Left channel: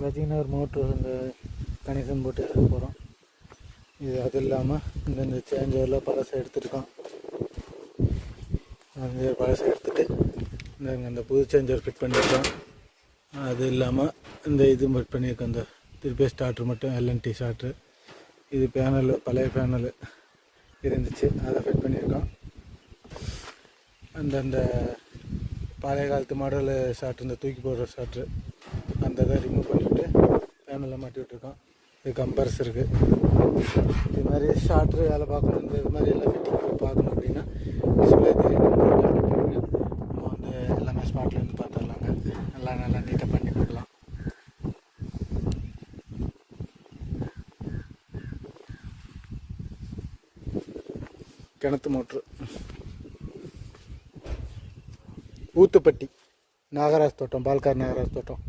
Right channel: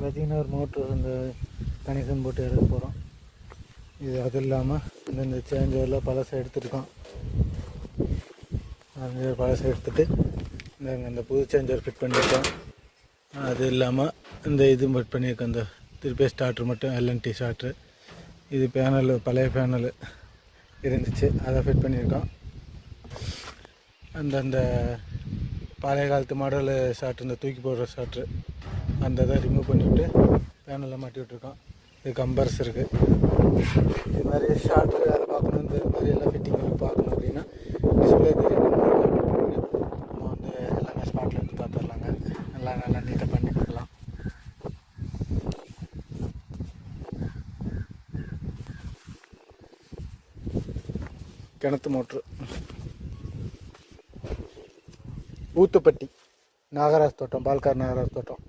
பார்த்திங்கன்னா ஒரு மோட்ரு இந்த கனெக்ஷன் போட்டு எடுக்க போகிறோம். இது அது இல்லாமல் இந்த சேஞ்சரில் பழசை எடுத்துருக்கோம். அந்த பழசை எடுத்துகிட்டு இந்த புது சேஞ்சர் ஃபிட் பண்ணியிருக்கோம். அது இல்லாமல் இந்த இது ஃபிட் பண்ணியிருக்கோம். இந்த திருப்பி ஸ்டார்ட்ரு மட்டும் எல்என்டி ஸ்டார்ட்ரு. இது பேனல் பழைய பேனல் இருந்துச்சு, அதை ஃபிட் பண்ணியிருக்கோம். அந்த பழைய காலத்து மாடல் ஸ்டார்ட்ரு, இந்த தூக்கி போடுற ஸ்டார்ட்ரு, அந்த இதை ரிமூவ் பண்ணிவிட்டு பேனலில் மாட்டி விட்ருக்கோம். இது கம்பர்ஸ் இருக்குது. இது மாதிரி ஸ்டார்ட்ரு வேலை பார்க்கணும், இந்த மாதிரி எல்லாம் ஃபிட்டிங் பார்க்கணும் அப்படின்னா டிஸ்பிளே நம்ம வந்து எல்லாமே ஸ்பாட்டில் இருந்து பார்த்துடலாங்க. நல்லா நீட்டாக பண்ணி கொடுக்கலாம். கிணத்து மோட்ரு, ஊத்துப்பட்டி, நாகராஜ் தோட்டம், பால்கார் நாகராஜ் தோட்டம்.